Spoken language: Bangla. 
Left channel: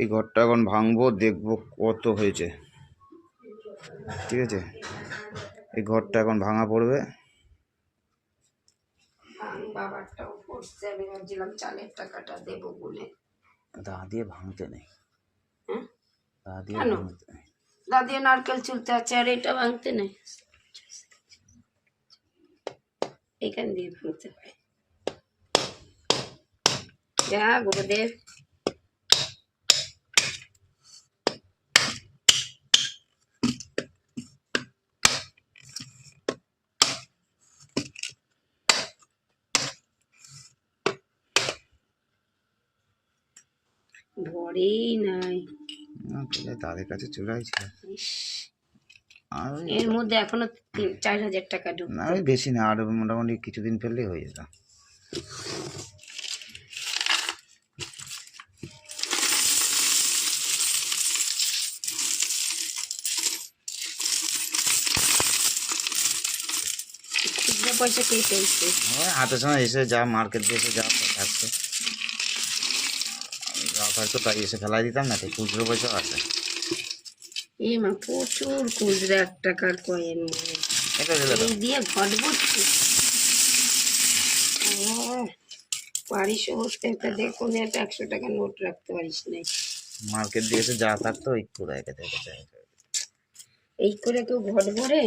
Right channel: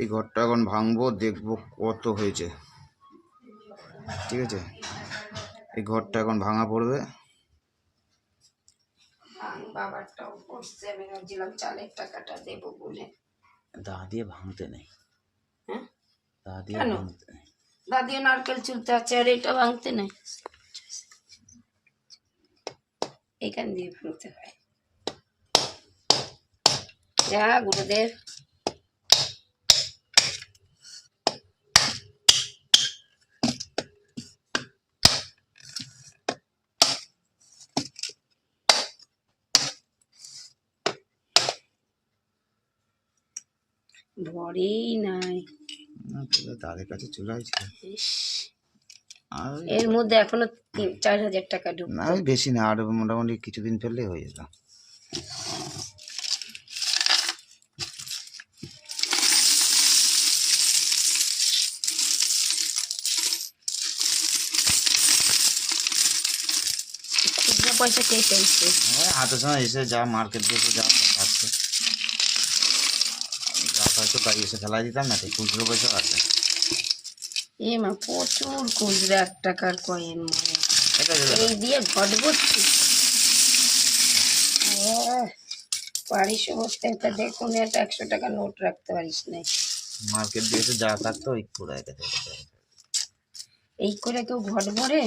এই ঘরটা এখন ভাঙবো, দেখবো কত হয়েছে। ঠিক আছে, এই ঘরটা এখন ভাঙা পড়বে। বাবারটাও পড়ছে, আমি ভাবছিলাম চালের টাকাটা দেবো বলে। দা দিয়ে ভাঙতে নেই, হ্যাঁ দা দিয়ে কেন? ভাঙতে নেই। দা দিয়ে নারকেল চুলতে আছে, আর এটা ভাঙতে নেই, এখান দিয়ে ভাঙতে হয়। হ্যাঁ গুরুদেব। ভরেই নাই, তাদের কাছে চলে আসছিল। এর মধ্যে এখনো 4,000 টাকা ঢুকতো। না, ওই বেশি না, আর মোটামুটি কিছুদিন ফেললেই হয়ে যেত। খুচরো পয়সা কে পেয়েছি? ওই হাতের সময় এসে যা মার্কেট দিয়ে যা থাকছে, যা থাকতো তাই এসে ফেলাই দিতাম না, খুচরো পয়সা আছে। এ মা, প্রচুর খুচরো 1 টাকার কয়েন মনে, এটা এই দিয়ে ঘট ভর্তি। পারিস বসতে, একটা দেখুন একটা 100 টাকা নোট রাখতে পারিস না। মার্কেট দিয়ে এসে যা থাকতো ওই পুরো এই করে কেউ ঘট ভরে?